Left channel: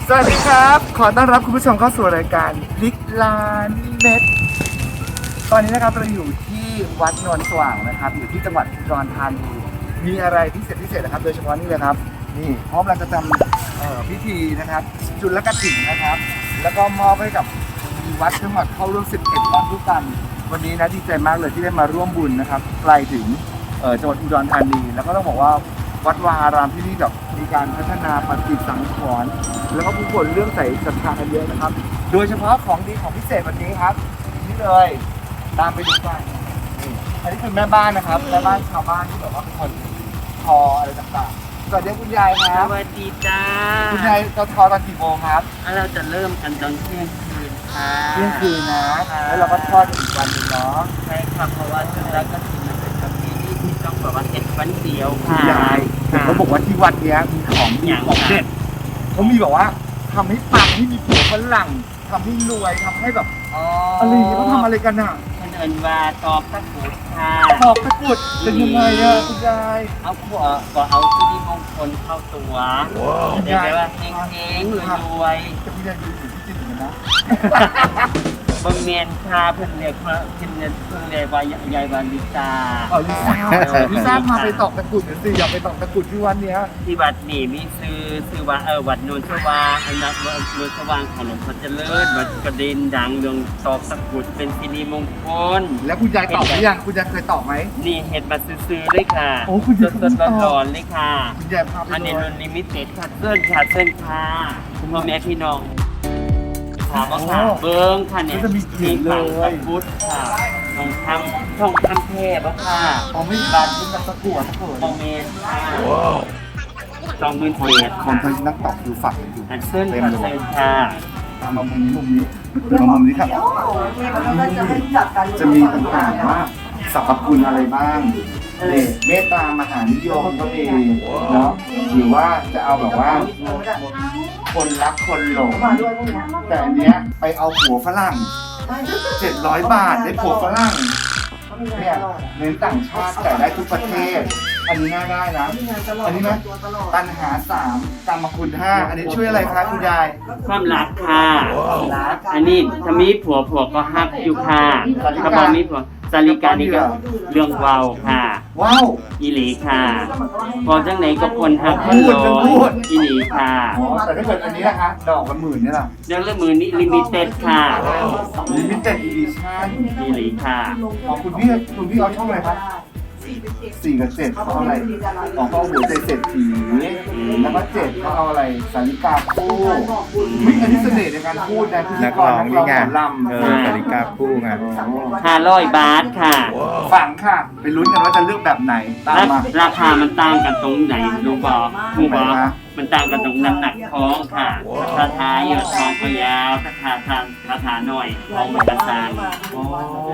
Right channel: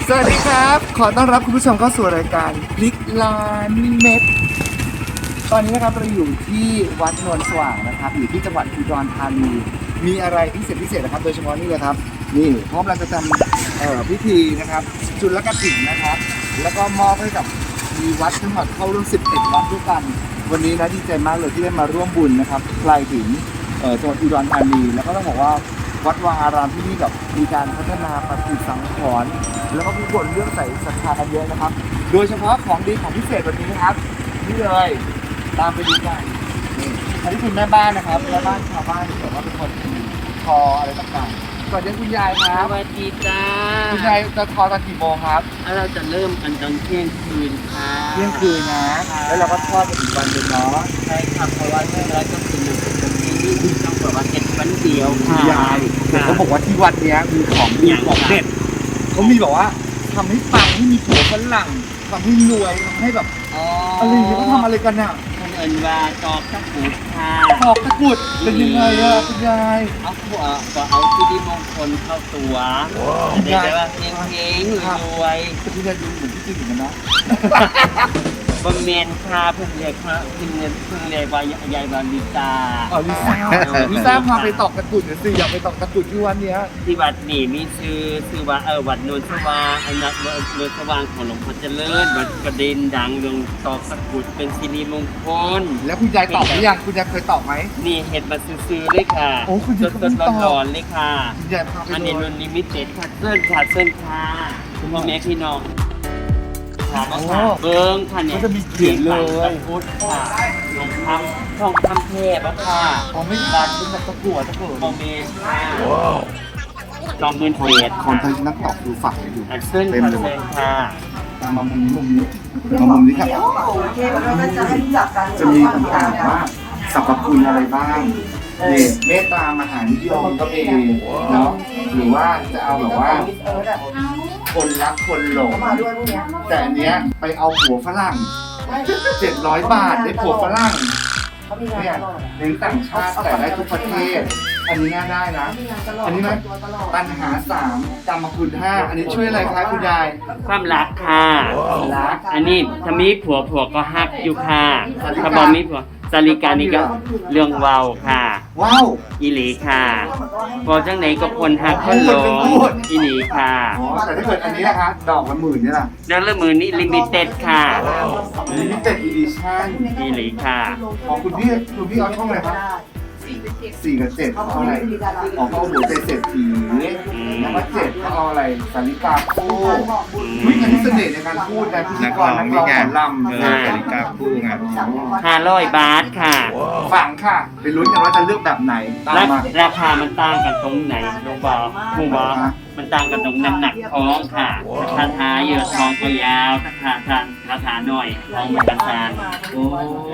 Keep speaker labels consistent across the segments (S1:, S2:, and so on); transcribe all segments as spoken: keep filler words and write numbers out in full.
S1: สวัสดีครับขอต้อนรับคุณผู้ชมเข้าสู่รายการพลิกล้านเม็ดตอนนี้นะครับเราอยู่ที่วัดโนนสว่างนะครับอยู่ที่จังหวัดอุดรธานีมีอะไรพิเศษพิเศษนะครับโดยเฉพาะนี่เลยครับนี่พร้อมเราจะทำเอ่อพิธีนะครับจุลกฐินนะครับแล้วก็มอบให้กับมีวัดทั้งหมดเข้าร่วมสิบเอ็ดวัดด้วยกันวันนี้นะดีใจมากเลยที่ได้มาร่วมบุญนะครับไกลถึงเอ่อจังหวัดอุดรธานีแล้วก็ต้องบอกว่าวัดวาอารามที่นี่แบบมีการพัฒนาปฏิสังขรณ์แล้วก็ผู้คนเรื่องใส่ศรัทธากันเยอะนะครับโดยเฉพาะของดีของพิเศษวันนี้ครับนี่เลยตามไปดูกันนี่อันนี้คือแม่บ้านนะครับแม่บ้านชาวบ้านที่แบบว่าเป็นคนทออะไรต่างๆสวัสดีคุณยายค
S2: ส
S1: รับ
S2: วัสดีจ้า
S1: คุณยายจะทอตอนกี่โมงครับ
S2: แล้วเราจะเริ่มกันตอนเที่ยงคืนค่ะ
S1: เที่ยงคืนนะแล้วเราก็ทอดกันอีกวันหนึ่งเนาะ
S2: ใช่ค่ะเพราะว่าเรื่องแล้วก็คือมันเป็นประเพณีที่ต้องแบบว่าเก็บวันเดียว
S1: คุ
S2: ค่ะ
S1: ณยายแต่เขาบอกว่าที่วัดเนี้ยมีของดีของเด็ดเขามีแบบว่าทำให้ปังให้มีผัวฝรั่งทำให้รวยทำให้แบบ
S2: อ๋อ
S1: อะไรอย่างเงี้ยเขาทำอะไรกันน่ะ
S2: คนเอิญว่าตอกตะกรุดค่ะ
S1: ตอกตะกรุดเป็นยังไงอะคุณยาย
S2: เอาขวก็เอาสิริมงคลเข้าตัวจะได้แบบว่าเฮงๆรวย
S1: แต่คุณยายดูเหมือนที่จริงเหมือนกันนะ
S2: ๆบะเมียนค่ะเพิ่นเรียกว่าเพิ่นเรียกเพิ่นเรียกว่ายายบาลิตา
S1: อ๋อลิซ่าลิซ่าพาไปตอกตะกรุดหน่อยสิอยากไปตอกตะกรุดที่วันเนี้ย
S2: ที่วัดนี่มีชื่อชื่อว่าเออวัดโนนสว่างอันนั้นวัดโนนสว่างของหลวงพ่อเจริญวัดกระเด็นดังเรื่องตอกตะกรุดเป็นสิริมงคล
S1: แล้วคุณยายตอกหรือยังคุณยายเคยตอกไหม
S2: นี่เห็ดมาซื้อๆเลยค่ะ
S1: โอ้คุณ
S2: ส
S1: ยาย
S2: ด
S1: เขา
S2: ๆ
S1: ไม่ตอก
S2: ร้อนๆเลยค่ะ
S1: คุณยายพาไป
S2: อันนี้
S1: เล
S2: รุ่
S1: ย
S2: นลิมิเต็ดค่ะเส้นค่ะเส้นค่ะคุณพ่อแม่พี่น้องค่ะบ่ค่ะเบิ้งค่ะเนี่ย
S1: ก็จะมีเขียนเลย
S2: ตะกรุดค่ะทองคำทองคำแท้บ่ค่ะ
S1: อ๋อไม่บาดเป็นแบบตะกั่วตะเกิด
S2: โอเมนค่ะจอมเงินเศษ
S1: คนเคยนักตอกดูฝักอยู่
S2: อันเส้น
S1: เต็ม
S2: ค่ะ
S1: เล
S2: เส้
S1: ย
S2: นค่ะ
S1: ตามมามุมนี้มุมนี้มามุมนี้ครับจะมีต่างๆว่าสรรพคุณอะไรบ้างนี่เมตตามหานิยมก็มีเนาะหรือว่าจะเอาแบบว่า คนรักคนหลงแต่อันเนี้ยไปเอาผัวฝรั่งเจ็ดร้อยบาทได้ผัวฝรั่งเนี่ยเน้นต่างชาติแต่ได้ทุกประเทศ อันนี้น่าได้นะ อันนี้ไหมปัญหาสามกรรมคุณห้าอันนี้ช่วยอะไรคะคุณยาย
S2: ความรักค่ะ
S1: รัก
S2: อันนี้ถ้ามีผัวผัวก็ฮักอยู่ค่ะ
S1: สาริกา
S2: ถ้าบ่มีผัวสาริกานี่ก็เรื่องเว้าค่ะ
S1: ว้าว
S2: อีหลีค่ะพอจังไหนก็คนฮัก
S1: พูดจังพูด
S2: อีหลีค่ะ
S1: อ๋อแต่ถ้าเกิดอันนี้นะคะดอกละหมื่นเนี่ยล่ะ
S2: แล้วละมือนี้ลิมิเต็ดค่ะ
S1: ลิมิเต็ดอีดิชั่น
S2: อีหลีค่ะ
S1: ของคุณพี่คุณพี่เอาช่องอะไรครับสี่กับเจ็ดเขาเอาอะไรอ๋อเขาเอาหัวใจเศรษฐีแล้วก็เจ็ดเขาเอาอะไรสาริกาคู่วิอันนี้เสน่ห์ในการพูดนะพิธี
S3: นัก
S1: ก
S3: ร้
S1: ร
S3: อง
S1: นัก
S3: นี่
S1: ร้อง
S3: ไง
S1: หมอลำ
S3: เอ
S1: เอ
S3: อ
S1: อ
S3: สาริกาคู่ไง
S2: ห้าร้อยบาทค่ะ
S1: ฝังค่ะไปลุ้นกันว่าจะเลือกแบบไหนตามมา
S2: ราคามันต่างกันตรงไหนรู้บอกรู้บอกมันต่างกันตรงน้ำหนักท้องค่ะถ้าทาเยอะท้องก็ยาวถ้าทาทานถ้าทาหน่อยท้องมันกระซาน
S1: โอ้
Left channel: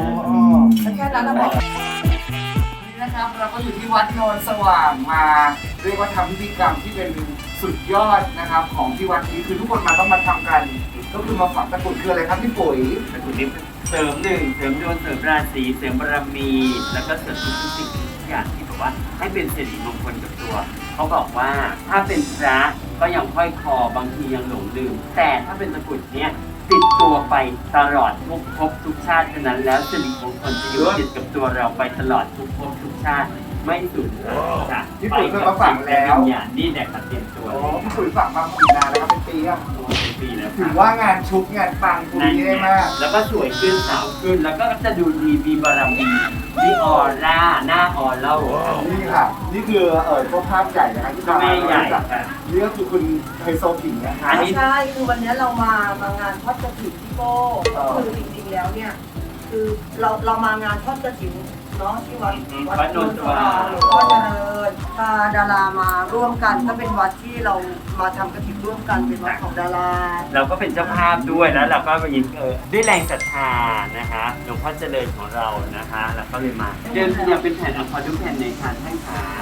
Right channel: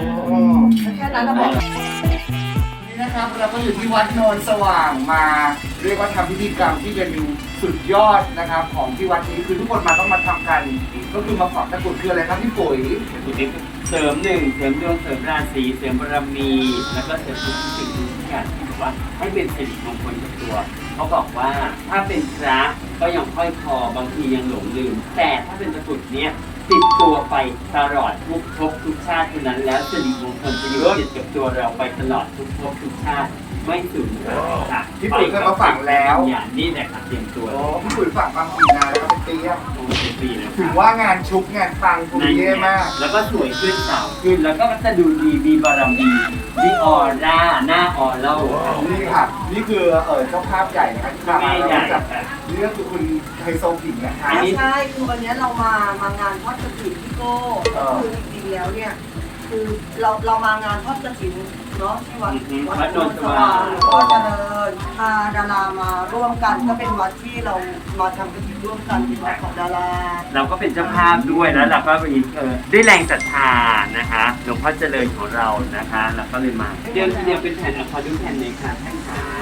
S1: นี่นะครับเราก็อยู่ที่วัดโนนสว่างมาเรียกว่าทำพิธีกรรมที่เป็นสุดยอดนะครับ ของที่วัดนี้คือทุกคนมาต้องมาทำกัน ก็คือมาฝังตะกรุดคืออะไรครับพี่ปุ๋ย
S2: เป็นคุณดิเสริมหนึ่งเสริมดวงเสริมราศีเสริมบารมี แล้วก็เสริมทุกสิ่งทุกอย่างที่แบบว่าให้เป็นสิริมงคลกับตัว เขาบอกว่าถ้าเป็นพระก็ยังห้อยคอบางทียังหลงลืม แต่ถ้าเป็นตะกรุดเนี้ยติดตัวไปตลอดทุกภพทุกชาติเท่านั้นแล้วสิริมงคลจะอยู่ติดกับตัวเราไปตลอดทุกภพทุกชาติไม่สูญเสียค่ะ
S1: พี่ปุ๋ยเคยมาฝังแล้ว
S2: อย่างนี้แหละค่ะเตรียมตัว
S1: โอ้พี่ปุ๋ยฝังมากี่นานแล้วครับเป็นปีอะ
S2: โอ้ยปีแล้ว
S1: ถื
S2: ค่ะ
S1: อว่างานชุกงานฟังคุณเย่มาก
S2: แล้วก็สวยขึ้นสาวขึ้นแล้วก็จะดูดีมีบารมีมีออร่าหน้าออเล่า
S1: นี่ค่ะ นี่คือเออเจ้าภาพใหญ่นะคะที่
S2: เจ้าแม่ใหญ่
S1: จากนี่ก็คือคุณไฮโซผิงนะคะ
S2: อันนี้
S4: ใช่ คือวันนี้เรามามางานทอดกระถิ่นที่โก้ก็คือจริงๆแล้วเนี่ย คือเราเรามางานทอดกระถิ่นเนาะที่วัดวัดโนนสว่างหลวงพ่อเจริญพาดารามาร่วมกันก็เป็นวัดที่เรามาทำกระถิ่นร่วมกันเป็นวัดของดารา
S2: เราก็เป็นเจ้าภาพด้วยแล้วเราก็มีเออด้วยแรงศรัทธานะคะหลวงพ่อเจริญของเรานะคะเราก็เลยมาเดิมทีเดียวเป็นแผ่นอะคอดูแผ่นในการให้ขา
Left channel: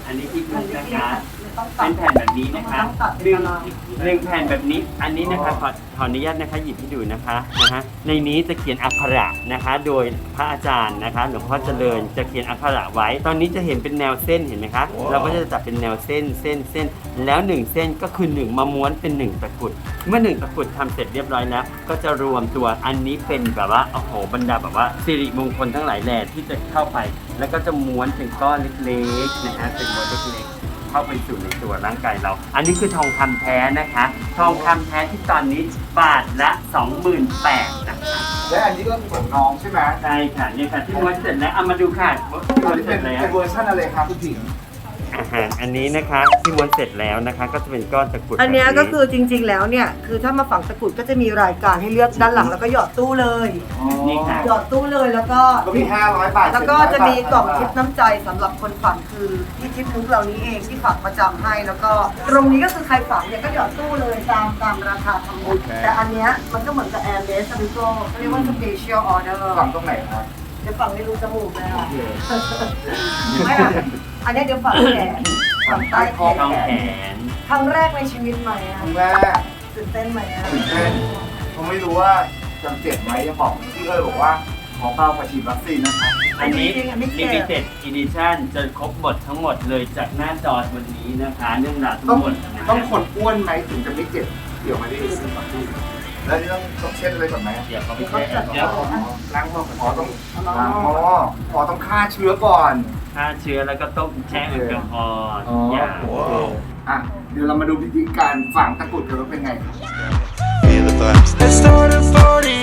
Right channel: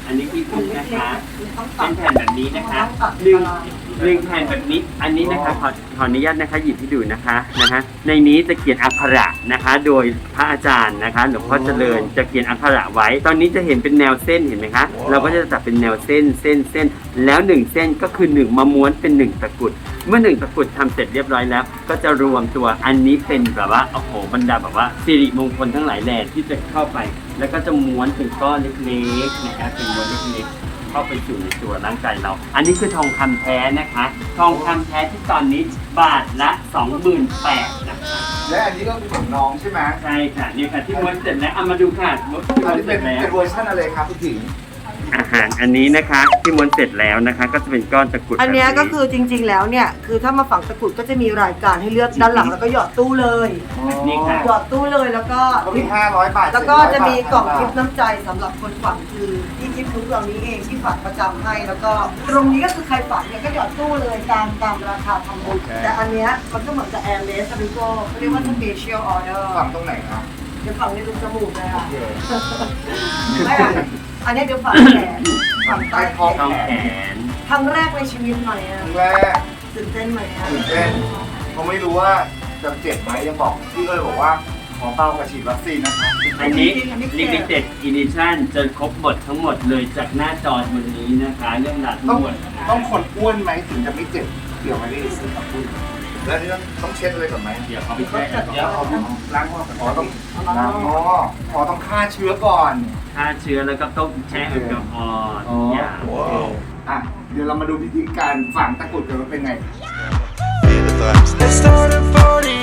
S2: อันนี้พี่ฟุกนะคะ
S4: ต้องตั
S2: เป็
S4: ด
S2: นแผ่นแบบนี้นะคะหนึ่งหนึ่งแผ่นแบบนี้ อันนี้นะคะขอขออนุญาตนะคะหยิบให้ดูนะคะนะฮะในนี้จะเขียนอักขระนะคะ โดยพระอาจารย์นะคะหลวงพ่อเจริญจะเขียนอักขระไว้ ตอนนี้จะเห็นเป็นแนวเส้นเห็นไหมคะเราก็จะจับเป็นแนวเส้นเส้นเส้นแล้วหนึ่งเส้นก็คือหนึ่งมาม้วนเป็นหนึ่งตะกรุดเมื่อหนึ่งตะกรุดทำเสร็จเรียบร้อยแล้ว ก็จะรวมตัวอันนี้เป็นแบบว่าโอ้โหบรรดาแบบว่าสิริมงคลทั้งหลายแหล่ที่จะเข้าไป แล้วก็จะม้วนเป็นก้อนเล็กๆนะคะเป็นม้วนเล็กๆเข้าไปสู่ในตัวร่างกายเรา อันนี้คือทองคำแท้นะคะ ทองคำแท้ที่ตอนนี้บาทละ สองหมื่นแปดพัน นะคะ
S1: และอันนี้ก็คือของน้องใช่ไหม
S2: ใช่ค่ะนี่ค่ะที่ม้วนเสร็จแล้วเอามาดูค่ะม้วน
S1: อันนี้
S2: เส
S1: เป็
S2: ร็
S1: น
S2: จแล้ว
S1: เป็นเวอร์ชันอะไรครับพี่ผิง
S2: อาหารอันนี้นะคะที่ม้วนเสร็จแล้วนะคะ ก็จะเป็นก้อนตะกรุด
S4: อันเนี้ย
S2: แบบ
S4: ก็คือจริงๆแล้วเนี่ยคือถ้ามาฝังตะกรุดก็จะมีรายการให้เลือกด้านหลังแล้วก็หยอดตู้เลย
S2: นี่ค่ะ
S4: หยอดตู้เลยแล้วก็
S1: ก็มีห้าร้อยบาท
S4: แล้วก็จะมีกล่องทิป
S1: น้
S4: น้ำใจสำหรับคนฝังคือที่ทิปมุกเรานี้เองที่ฝังประจำให้แล้วก็ตรงนี้ก็คือใครฝังเนี่ยก็หยอดตู้เลยตามตามราคาทำบุญแต่อันเนี้ยมันก็เหมือนกับแอร์เลสบิโก้เขาเรียกว่า special order
S1: ทำตรงไหนครับ
S4: เดี๋ยวฝังในรูจมูกเลย
S1: โอ
S4: อ่ะ
S1: เค
S4: ไม่อ่ะอันเนี้ยเดี๋ยวฝังแขนฝังใต้แข
S2: ต้อง
S4: น
S2: แขน
S4: ครั้งแรกในชีวิตใหม่อ่ะ
S1: ครั้งแรก
S4: ตื่นเต้นไหมอ่ะ
S1: ตื่นเต้นเขาไม่รู้ว่าจะเจ็บไหมยังบอกพี่ก็เลยบอกว่าขอเป้ากับฉีดวัคซีนนะครับ
S2: อันนี้ limited edition จะครบหมดทั้งหมดเลยจากหน้าจอวันนี้นะคะ เรื่องราวทั้
S1: ต้อง
S2: งหมดนะ
S1: ต้องคนอ้วนไหมถึงจะไม่เจ็บเกี่ยวไหมพี่แล้วนี่ต้องต้องเช็ดอะไรก่อนไหม
S2: เดี๋ยวเขาไปแช่แอลกอฮอล์
S1: ล้างมือขอต้องล้างอ๋อขอต้องฆ่าเชื้อก่อน
S2: ฆ่าเชื้อแล้วก็ต้มแช่แอลกอฮอล์
S1: อ๋อ
S2: อย่าง
S1: อ่ะเดี๋ยวเรามาดูวิธีการฝังตะกรุดกันว่าเป็นไง
S3: Feel the vibes. Let's start a party.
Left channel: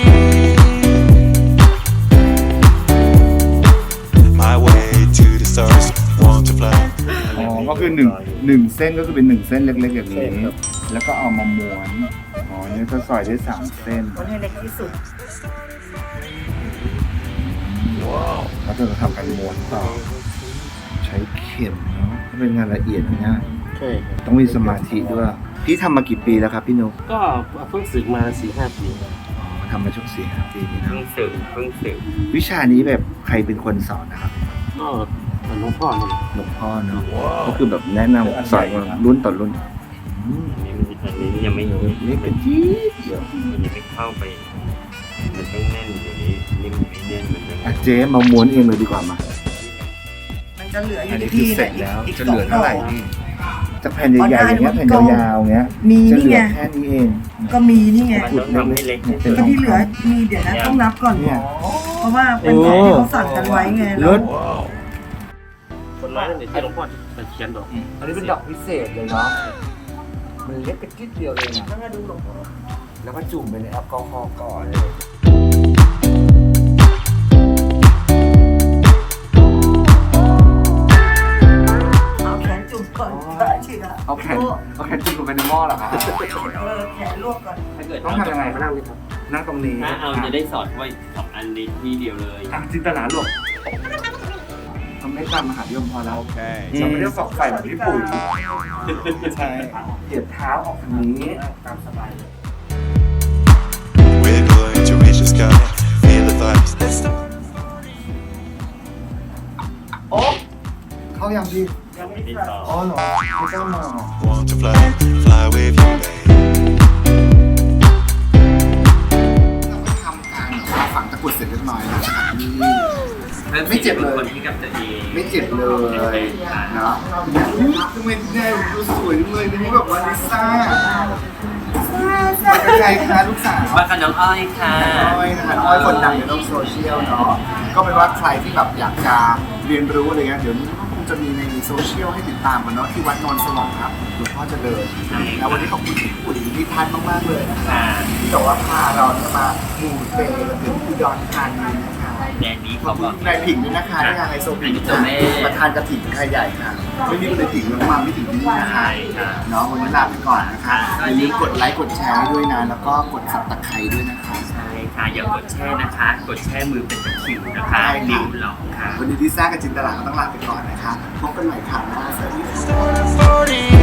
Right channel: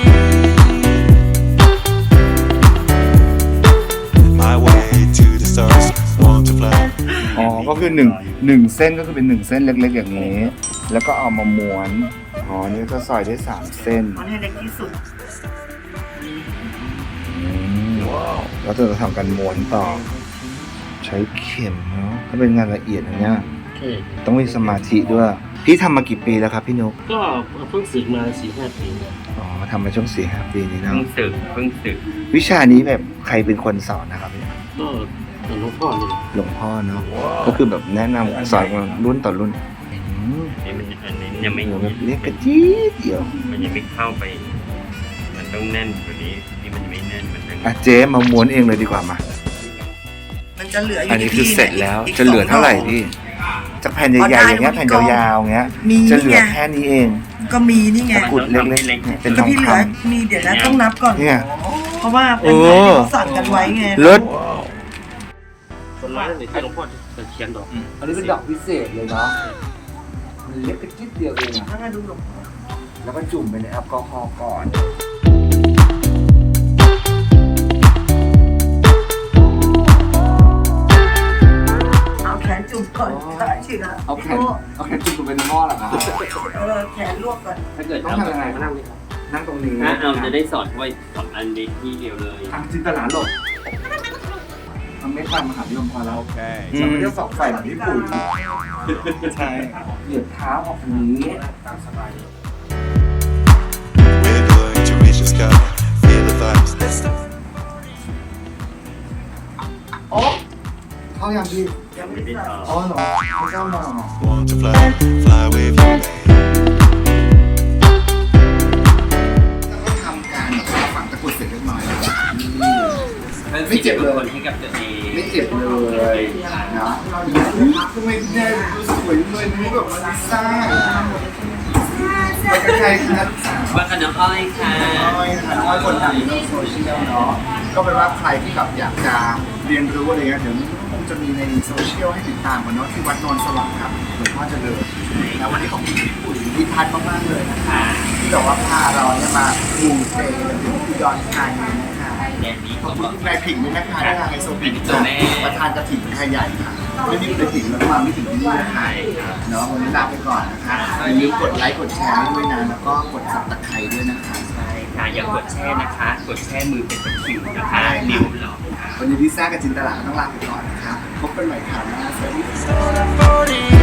S3: My way to the stars. Want to fly.
S1: อ๋อ ก็คือหนึ่งหนึ่งเส้นก็คือเป็นหนึ่งเส้นเล็กๆอย่างนี้ แล้วก็เอามาม้วน อ๋อ นี่ก็ซอยได้สามเส้น
S4: มันให้เล็กที่สุด
S1: ว้าวแล้วจะทำการม้วนต่อ ใช้เข็มนะถ้าเป็นงานละเอียดอย่างเนี้ย
S5: ใช่
S1: ต้องมีสมาธิด้วย พี่ทำมากี่ปีแล้วครับพี่นก
S5: ก็เพิ่งศึกมาสี่ห้าปี
S1: อ๋อทำมาช่วงสี่ห้าปีนี้นะ
S2: เพิ่งสึกเพิ่งสึก
S1: วิชานี้แบบใครเป็นคนสอนนะครับ
S5: ก็เหมือนหลวงพ่อเลย
S1: หลวงพ่อเนาะก็คือแบบแนะนำสอนกันรุ่นต่อรุ่นอืม
S2: นี่มันอันนี้ยังไม่
S1: นี่กระจี๊ดเดียว
S2: มันยังไม่เข้าไป มันต้องแน่นกว่านี้ นี่มันไม่แน่นเหมือนกัน
S1: อ่ะเจ๊มาม้วนเองเลยดีกว่ามา
S4: มันจะเหลืออยู่
S1: อันนี้
S4: ที่
S1: คือ
S4: พี่
S1: เสร็จ
S4: นี่ย
S1: แล้ว
S4: อีก
S1: จะเหลือเท่าไหร่
S4: สงดก
S1: พี่จะแผ่นใหญ่ๆอย่างเงี้ย
S4: อ๋อได้
S1: แผ่นยาวๆอย่างเงี้ย
S4: มี
S1: จะเหลื
S4: ไง
S1: อแค่นี้เอง
S4: ก็มีนี่ไง
S1: ตะกรุดเล็กๆเป็นท
S4: ก็
S1: อง
S4: พี่เหลื
S1: ค
S4: อมีเดี๋ยวนะต้องนับก่อน
S1: ำเนี่ย
S4: เพราะว่าเป็นแผนที่เขาสั่งกันไว้ไง
S1: เลิศ
S5: คนร้ายนั่นเองที่หลวงพ่อจะเขียนดอก
S1: อันนี้เป็นดอกพิเศษเลยเนาะมันเล็กกระจิ๊ดเดียวเองอะ
S4: แล้วก็ดูดู
S1: แล้วก็จุ่มไปในแอลกอฮอล์ก่อน
S4: เอาแขนจุ่มก่อนได้ฉีดอะ
S1: เอาแขนเอาแขนจุ่มลงไปในหม้อเหรอครับ
S4: เออแขนลวกก่อน
S2: ถ้าเกิด
S1: ต้องทำยังไง
S5: มานั่งเลยครับ
S1: นั่งตรงนี้
S2: ถ้าเอาจะได้สอดไว้สองอันนี้ที่เดียวเลย
S1: อ่ะจินตลาหลบมันไม่ทำมหาวิทยาลัยพอแล้ว
S3: Okay.
S1: จะไม่ได้สอกไฟแบบญี่ปุ่นใช่เหยียบเท้าออกอย่างนี้ตามสบาย
S3: We're going to reach the sky. Feel the vibes. Let's start.
S1: โอ้เข้ายังพี่
S4: ยังไม่
S2: ไม่ได้
S4: ใส่
S2: สอด
S1: อ๋อหนูไม่ต้องมา
S3: Want to fly. Fly with you, babe.
S1: แล้วก็ทำการแบบว่าฝังตะกรุดเสร็จเรียบร้อยแล้วนะครับนี่ ไม่เจ็บเลย
S2: คนให้กับตัวเอง
S1: ไม่เจ็บเลยนะทำไมแม่ดูสวยเลยนี่แบบว่าลิซ่าไปกับใครคะลูกสาว
S2: ว่ากับน้องอ้อยค่ะ
S1: น้อยนะคะน้อยคนดังในโลกโซเชียลเนาะก็เป็นว่าใครที่แบบอยากจะเรียนรู้อะไรเงี้ยเดี๋ยวนี้ก็คงจะมีในโซเชียลให้ติดตามกันเนาะที่วัดโนนสว่างครับหลวงพ่อเจริญแล้ววันนี้ขอบคุณพี่ปุ๋ยพี่พัฒน์มากๆเลยนะคะที่บอกว่าพาเราเนี่ยมามูเตกันถึงอุดรธานีนะคะ
S2: แดนนี้
S1: ขอบ
S2: เขา
S1: คุ
S2: ก็
S1: ณนายผิงด้วยนะคะที่ทางไฮโซผิง
S2: เป็นตัวแม่
S1: ประธานกระถิ่นไทยใหญ่ค่ะไม่มีคนใดผิงแล้วมาไม่ถึงที่นี่นะคะเนาะวันนี้ลาไปก่อนนะคะอย่าลืมกดไลค์กดแชร์ให้ด้วยนะแล้วก็กดสับตะไคร้ด้วยนะคะ
S2: ใช่ค่ะอย่ากดแช่นะคะ กดแช่มือเป็นตะคริวนะคะนิ้วหลอกค่ะ
S1: วันนี้ลิซ่ากับจินตลาก็ต้องลาไปก่อนนะคะ พบกันใหม่ครั้งหน้าสวัสดีค่ะ
S3: Start a party.